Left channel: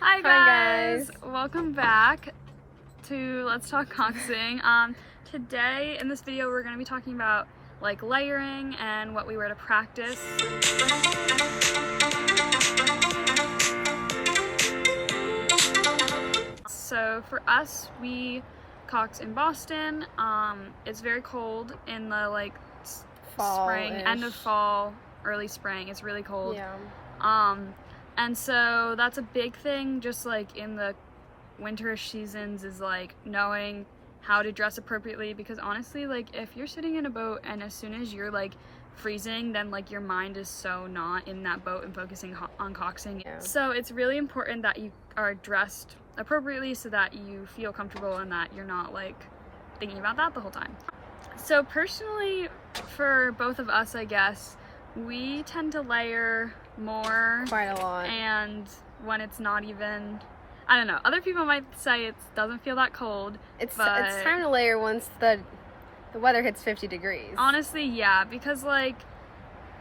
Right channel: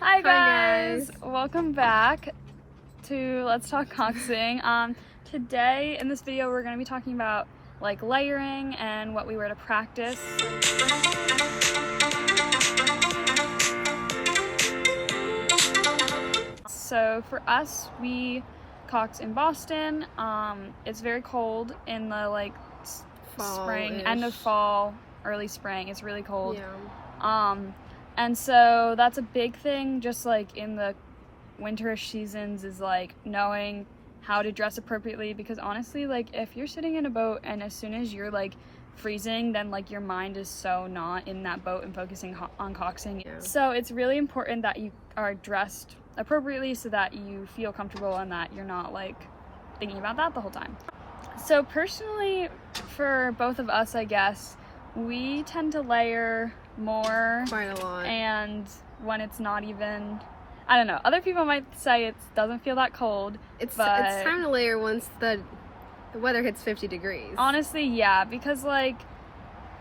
Hi guys! Welcome back to Let's Talk Coxing. Today in this video we're going to be talking about like layering and what we wear to practice. So for us, we cox in Boston. It's very cold in the like spring, end of fall, early spring. It's really cold. Yeah. And so that's a big thing, just like in the winterish seasons, is like knowing how to dress appropriately, because honestly, like if you're sitting in a boat and as soon as you're like freezing, then like your mind is so not in that boat and focusing on coxing. Yeah. So it's really important that you are dressed appropriately so that you feel comfortable and that you're not like thinking about that the whole time. So personally, for both of us, I guess, we tend to layer more. Quite a lot. And when it's not even, I don't know, other people might say it doesn't feel that cold. It's but time to layer once the weather hits 50 degrees. Honestly, yeah, because like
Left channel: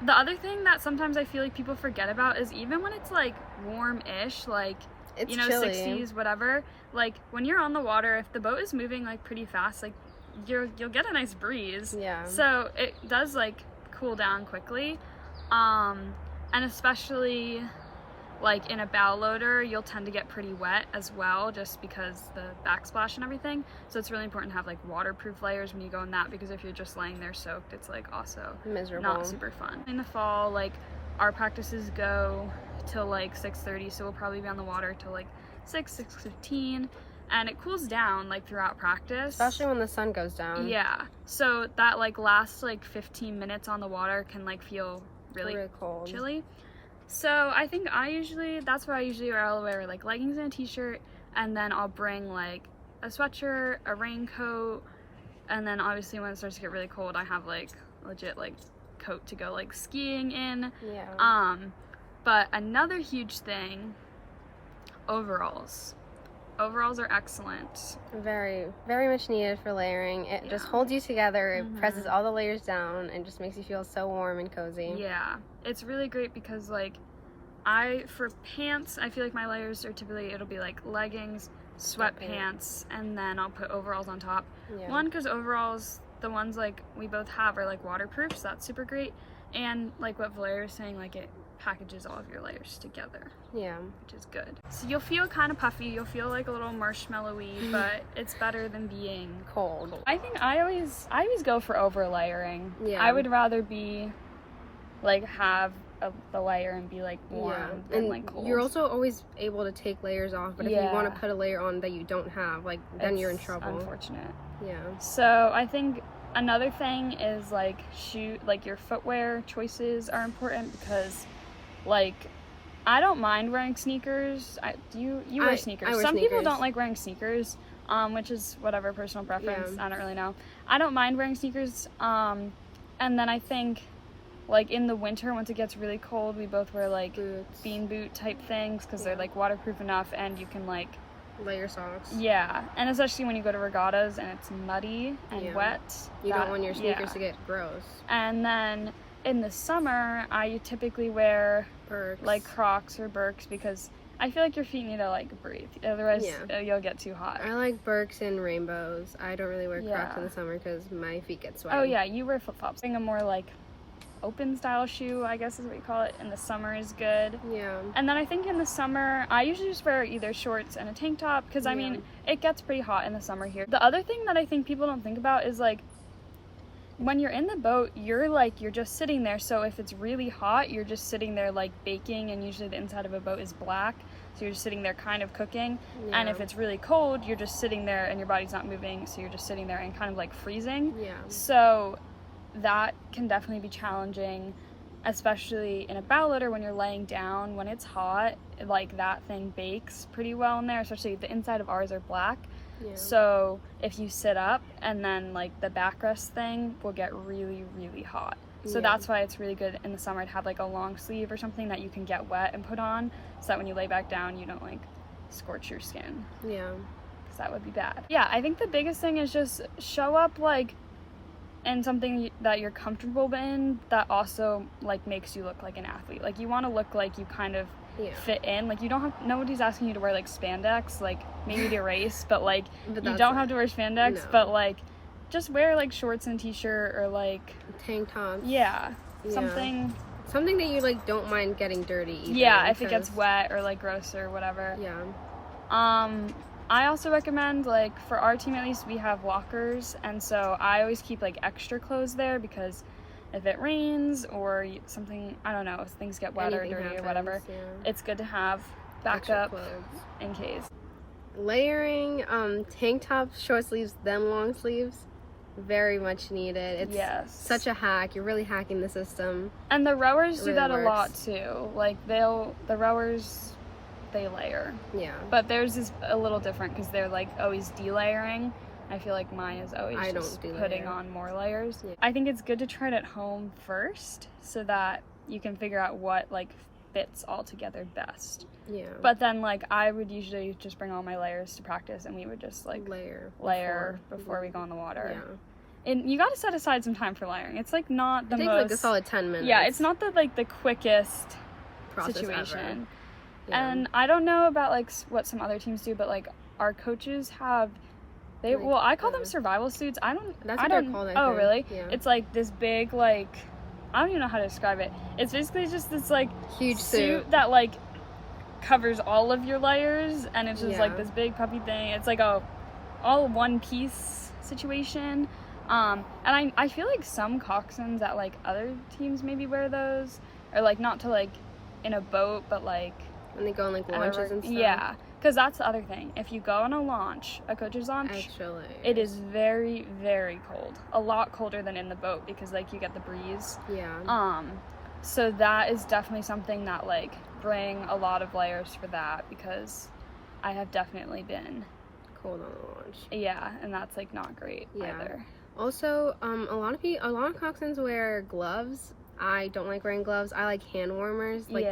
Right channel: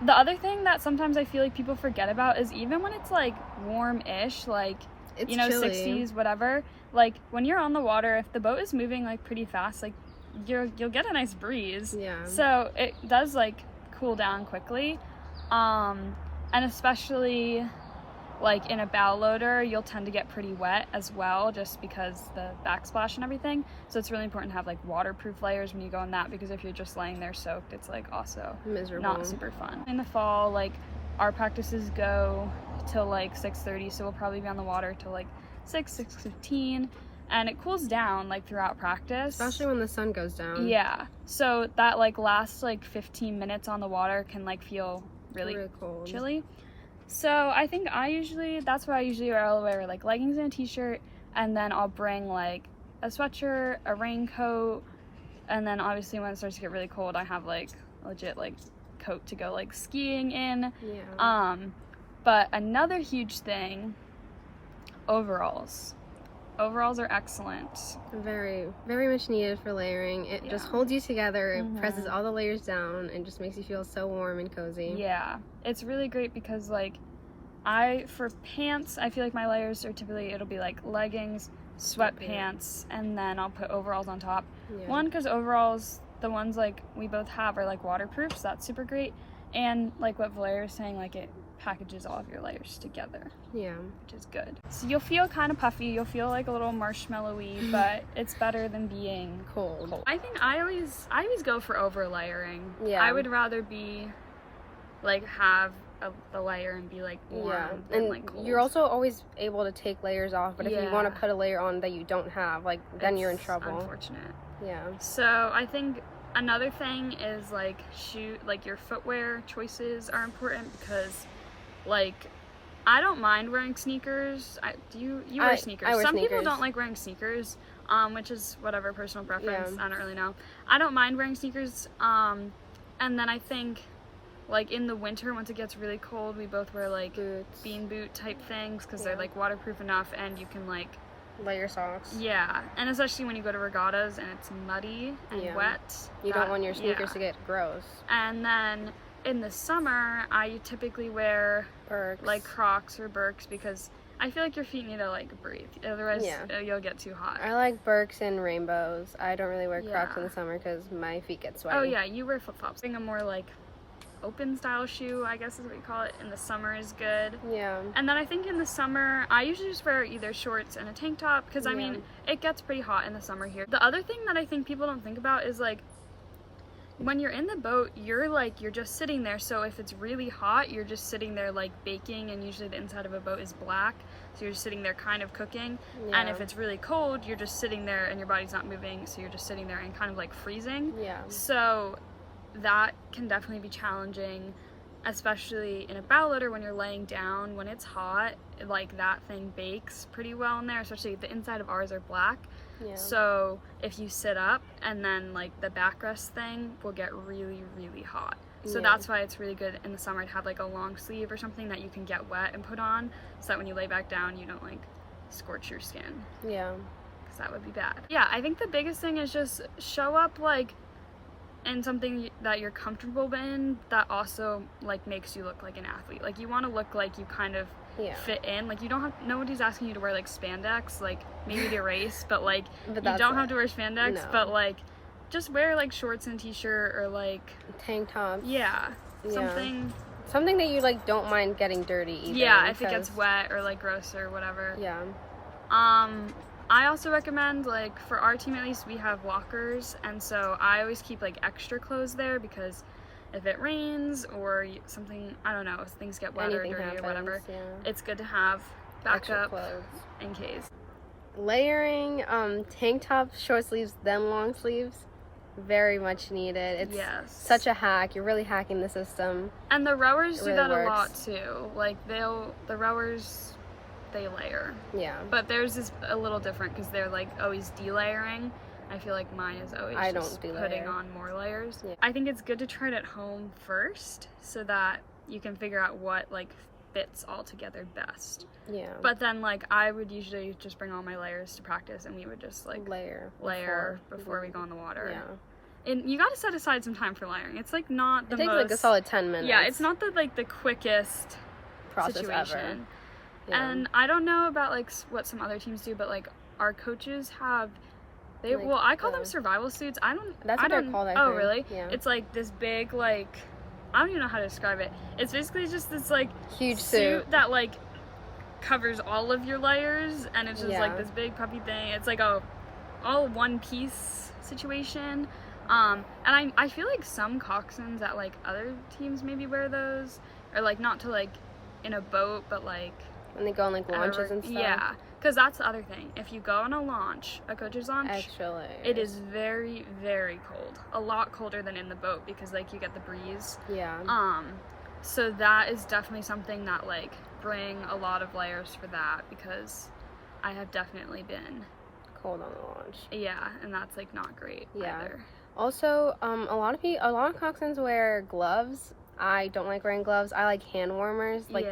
the other thing that sometimes I feel like people forget about is even when it's like warm-ish, like it's you know, chilly. 60s, whatever, like when you're on the water, if the boat is moving like pretty fast, like you'll get a nice breeze. Yeah. So it does like cool down quickly. And especially like in a bow loader, you'll tend to get pretty wet as well, just because the backsplash and everything. So it's really important to have like waterproof layers when you go in that, because if you're just laying there soaked, it's like also miserable. not super fun. In the fall, like our practices go till like 6:30, so we'll probably be on the water till like 6:15, and it cools down like throughout practice, especially when the sun goes down. Yeah, so that like last like 15 minutes on the water can like feel really cold, chilly. So I think that's what I usually wear. I'll wear like leggings and a t-shirt, and then I'll bring like a sweatshirt, a raincoat, and then obviously when it starts to get really cold, I have like legit like coat to go like skiing in. Yeah. But another huge thing, overalls. Overalls are excellent. Very, very much needed for layering. It just holds you together. It presses all the layers down and just makes you feel so warm and cozy. Yeah, it's really great because like for pants, I feel like my layers are typically, it'll be like leggings, sweatpants, and then I'll put overalls on top. Yeah. One, because overalls, the ones like we both have, are like waterproof, so that's super great. And like what Valeria was saying, like it packages all of your layers together. Yeah. Which is good. So you'll feel kind of puffy, you'll feel like a little marshmallowy, but it's better than being cold. I think I always go for over layering. Yeah. I would rather be like have the layer and be like warm than and like cold. You're also always able to take layers off, but if you want to put a layer on that you don't have, like then you're in trouble. Unfortunate. Yeah. So I think another thing is like your footwear choices are important, because like I don't mind wearing sneakers. You wear sneakers. I wear Some sneakers. people don't like wearing sneakers, which is whatever, personal preference. Yeah. I don't really know. I don't mind wearing sneakers. And then I think like in the winter, once it gets really cold, we both wear like boots. Bean boot type things, because they're like waterproof enough and you can like layer socks. Yeah, and especially when you go to regattas and it's muddy and wet. You don't want your sneakers to get gross. And then in the summer, I typically wear Birks. like Crocs or Birks, because I feel like your feet need to like breathe, otherwise you'll get too hot. I like Birks and rainbows. I don't really wear Crocs in the summer because my feet get sweaty. Oh yeah, you wear flip-flops. I think a more like open style shoe, I guess is what you call it, in the summer is good. Yeah. And then I think in the summer, I usually just wear either shorts and a tank top, because I mean, it gets pretty hot in the summer here. The other thing that I think people don't think about is like, when you're in the boat, you're just sitting there, so if it's really hot, you're just sitting there like baking, and usually the inside of a boat is black, so you're just sitting there kind of cooking. And if it's really cold, you're just sitting there and your body's not moving, so you're just sitting there and kind of like freezing. Yeah. So that can definitely be challenging, especially in a bow loader when you're laying down. When it's hot, like that thing bakes pretty well in there, especially the inside of ours are black. Yeah. So if you sit up, and then like the backrest thing will get really, really hot. So that's why it's really good in the summer to have like a long sleeve or something that you can get wet and put on, so that when you lay back down, you don't like scorch your skin. Yeah. Because that would be bad. Yeah, I think the biggest thing is just show up like in something that you're comfortable in, that also like makes you look like an athlete. Like you want to look like you kind of fit in. Like, you don't have, nobody's asking you to wear like spandex, like maybe to race, but like you don't have to wear spandex, but like just wear like shorts and t-shirt or like tank tops. Something that you like don't mind getting dirty either, if it gets wet or like gross or whatever. I also recommend, like, for our team at least, we have lockers, and so I always keep like extra clothes there, because if it rains or something, I don't know, if things get wet or dirty or whatever, it's good to have backup in case. Layering tank tops, short sleeves, then long sleeves, very much needed. It's such a hack. You're really hacking the system. And the rowers do that a lot too. Like, the rowers, they layer. But theirs is a little different because they're like always delayering. I feel like mine is always just putting on more layers. I think it's good to try it at home first so that you can figure out what like fits all together best. But then like I would usually just bring all my layers to practice, and we would just like layer before we go in the water. And you got to set aside some time for layering. It's like not the most, like a solid 10 minutes. It's not the quickest situation. And I don't know about like what some other teams do, but like our coaches have, I call them survival suits. That's what they're called, I think. Oh, really? It's like this big, like, I don't even know how to describe it. It's basically just this like huge suit that like covers all of your layers, and it's just like this big puffy thing. It's like a all one piece situation. And I feel like some coxswains at like other teams maybe wear those, or like not to like in a boat, but like when they go on like launches and stuff. Because that's the other thing. If you go on a launch, a coach's launch, it is very, very cold. A lot colder than in the boat, because like you get the breeze. So that is definitely something that like bring a lot of layers for that, because I have definitely been cold on the launch. And that's like not great either. Also, a lot of coxswains wear gloves. I don't like wearing gloves. I like hand warmers. Like,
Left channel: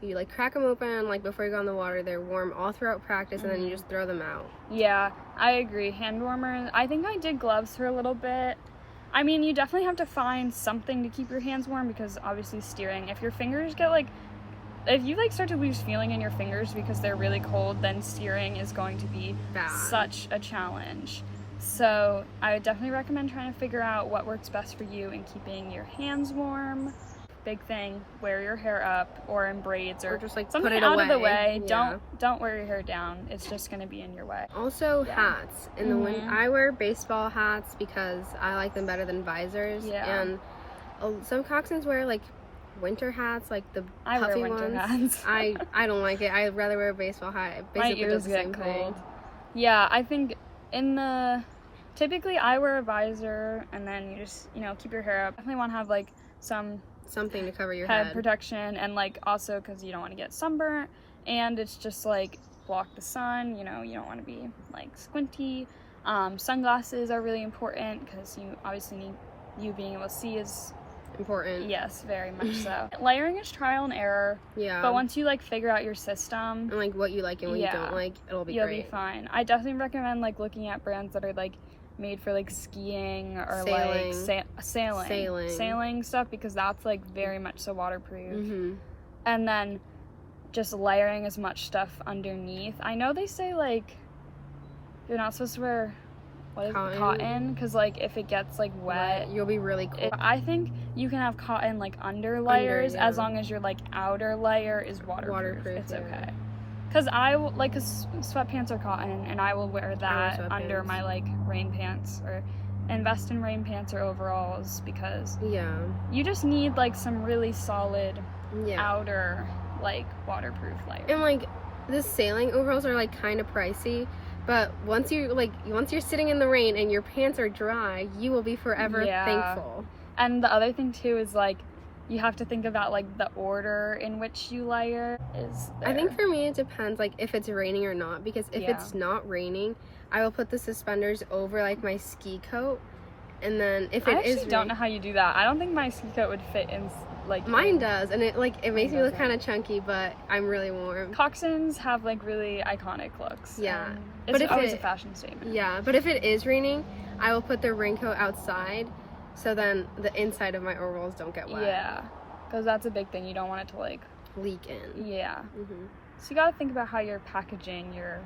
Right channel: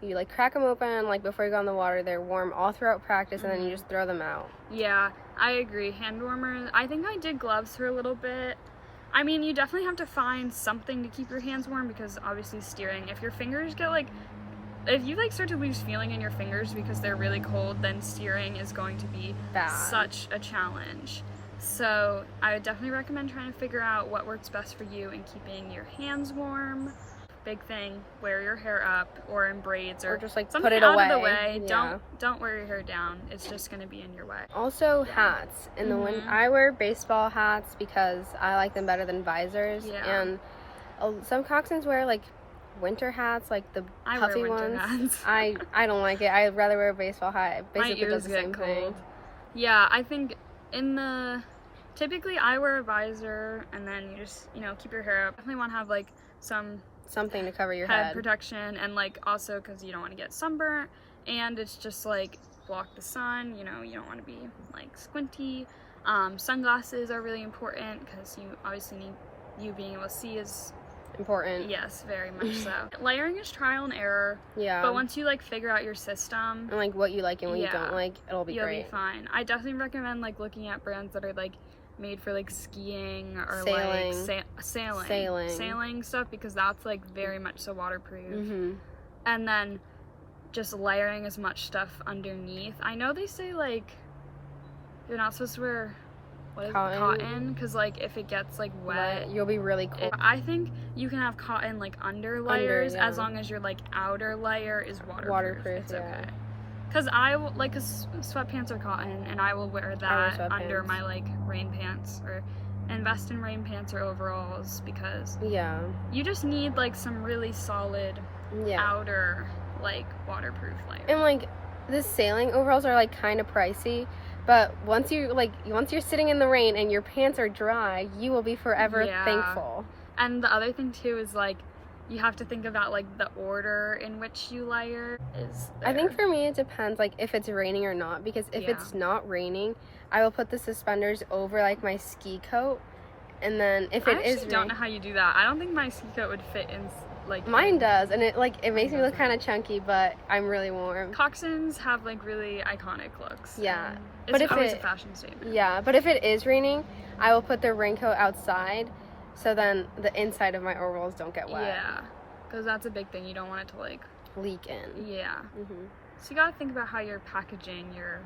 you like crack them open like before you go in the water. They're warm all throughout practice, and then you just throw them out. I agree. Hand warmers. I think I did gloves for a little bit. I mean, you definitely have to find something to keep your hands warm, because obviously steering, if your fingers get like, if you like start to lose feeling in your fingers because they're really cold, then steering is going to be such a challenge. So I would definitely recommend trying to figure out what works best for you in keeping your hands warm. Big thing, wear your hair up or in braids, or just like something put it out away. of the way. Don't wear your hair down. It's just going to be in your way. Also hats. In the winter, I wear baseball hats because I like them better than visors. And some coxswains wear like winter hats, like the puffy wear winter hats. I don't like it. I'd rather wear a baseball hat. My ears get cold. I think typically I wear a visor, and then you just, keep your hair up. Definitely want to have like something to cover your head protection, and like also because you don't want to get sunburnt, and it's just like block the sun. You don't want to be like squinty. Sunglasses are really important, because you obviously need, you being able to see is important. Yes, very much so. Layering is trial and error. But once you like figure out your system and like what you like and what you don't like, you'll be fine. I definitely recommend like looking at brands that are like made for like skiing or like sailing stuff, because that's like very much so waterproof. And then just layering as much stuff underneath. I know they say like you're not supposed to wear cotton, because like if it gets like wet, you'll be really cold. I think you can have cotton like under layers, as long as your like outer layer is waterproof. It's okay. Because cause sweatpants are cotton, and I will wear that under my like rain pants, or invest in rain pants or overalls, because you just need like some really solid outer like waterproof layer. And like the sailing overalls are like kind of pricey, but once you're sitting in the rain and your pants are dry, you will be forever thankful. And the other thing too is like you have to think about like the order in which you layer is there. I think for me it depends like if it's raining or not, because if it's not raining, I will put the suspenders over like my ski coat, and then if it is don't know how you do that. I don't think my ski coat would fit in like mine does, and it makes me look kind of chunky, but I'm really warm. Coxswains have like really iconic looks. It's always a fashion statement. But if it is raining, I will put the raincoat outside, so then the inside of my overalls don't get wet. Because that's a big thing. You don't want it to like leak in. Yeah. Mm-hmm. So you gotta think about how you're packaging your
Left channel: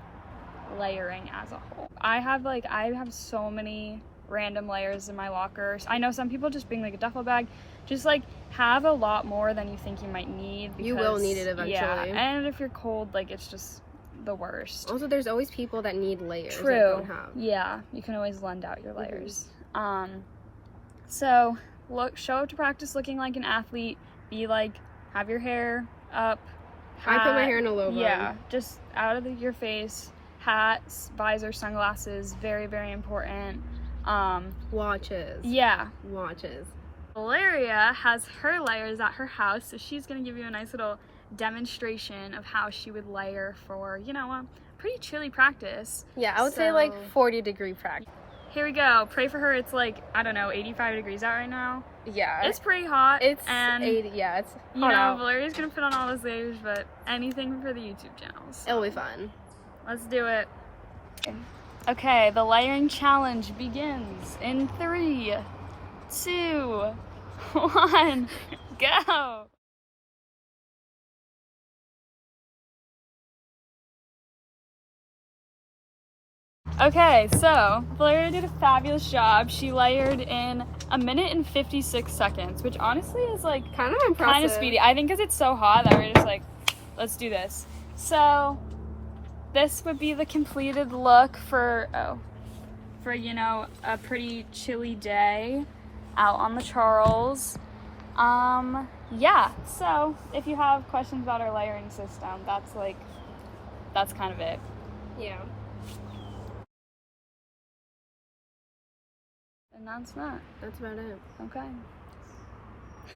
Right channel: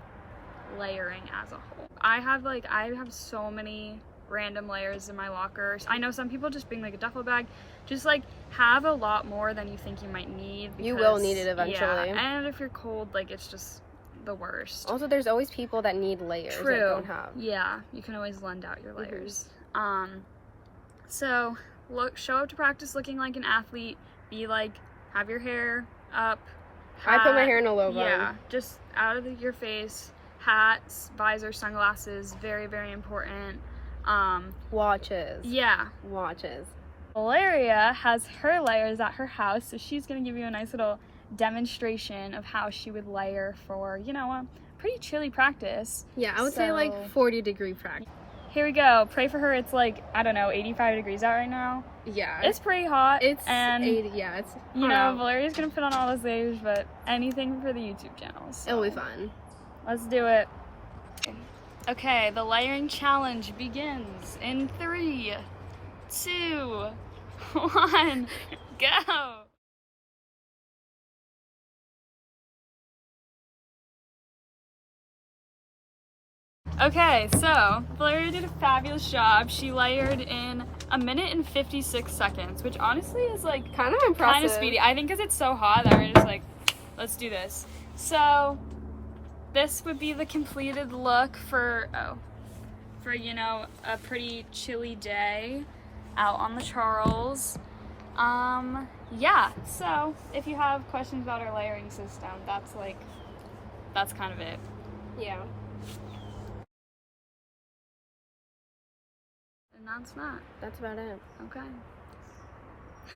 layering as a whole. I have so many random layers in my locker. I know some people just bring like a duffel bag. Just like have a lot more than you think you might need, because you will need it eventually. Yeah, and if you're cold, like it's just the worst. Also, there's always people that need layers. True. That don't have. Yeah, you can always lend out your layers. So show up to practice looking like an athlete. Be like, have your hair up. Hat, I put my hair in a low bun. Yeah, just out of your face. Hats, visor, sunglasses, very, very important. Watches. Yeah. Watches. Valeria has her layers at her house, so she's going to give you a nice little demonstration of how she would layer for, you know, a pretty chilly practice. Yeah, I would say like 40-degree practice. Here we go. Pray for her. It's like, I don't know, 85 degrees out right now. Yeah. It's pretty hot. It's 80, yeah, it's hot out. Valeria's going to put on all those layers, but anything for the YouTube channel. So. It'll be fun. Let's do it. Okay, the layering challenge begins in 3, 2, 1, go! Okay, so Valeria did a fabulous job. She layered in 1 minute and 56 seconds, which honestly is like kind of impressive. Kind of speedy. I think because it's so hot that we're just like, let's do this. So this would be the completed look for you know, a pretty chilly day out on the Charles. Yeah, so if you have questions about our layering system, that's kind of it. Yeah. And that's that. That's about it. Okay.